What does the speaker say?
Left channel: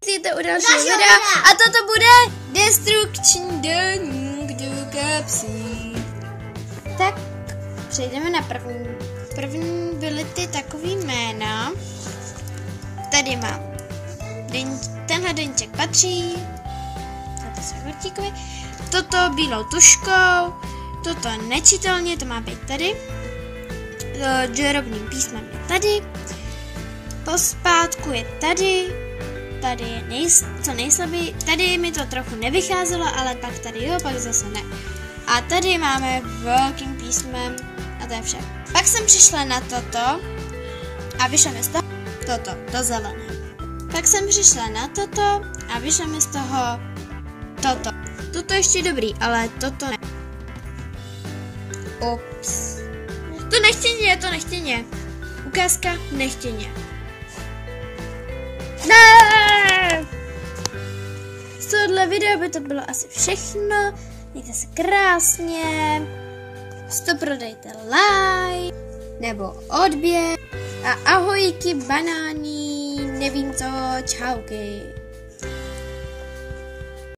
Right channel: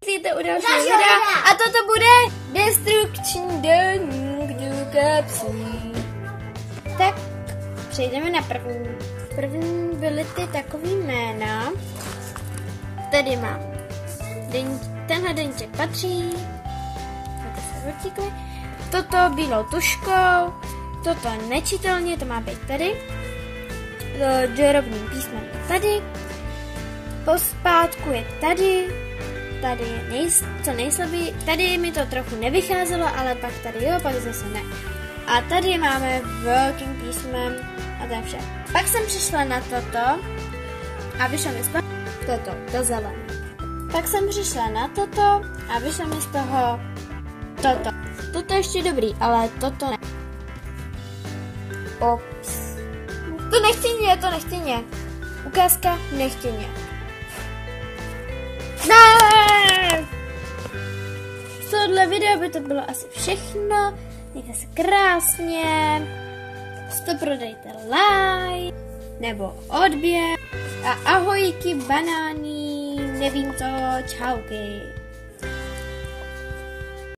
Přijďte u dalšího videa a toto bude Destruction do kapsy. Tak přejdeme na první. První byly ty takový jména. Tady mám. Tenhle deníček patří. Toto se vrtíkovi. Toto bílou tuškou. Toto nečitelně, to má být tady. Žerobným písmem je tady. Pospátku je tady. Tady je co nejslabší. Tady mi to trochu nevycházelo, ale pak tady jo, pak zase ne. A tady máme velkým písmem a to je vše. Pak jsem přišla na toto a vyšlo mi z toho to zelené. Pak jsem přišla na toto a vyšlo mi z toho toto. Toto ještě dobrý, ale toto ne. Ops. To nechtěně. Ukázka nechtěně. Ne! Z tohohle videa by to bylo asi všechno. Mějte se krásně. 100 prodejte like nebo odběr. A ahojky, banány, nevím co, čauky.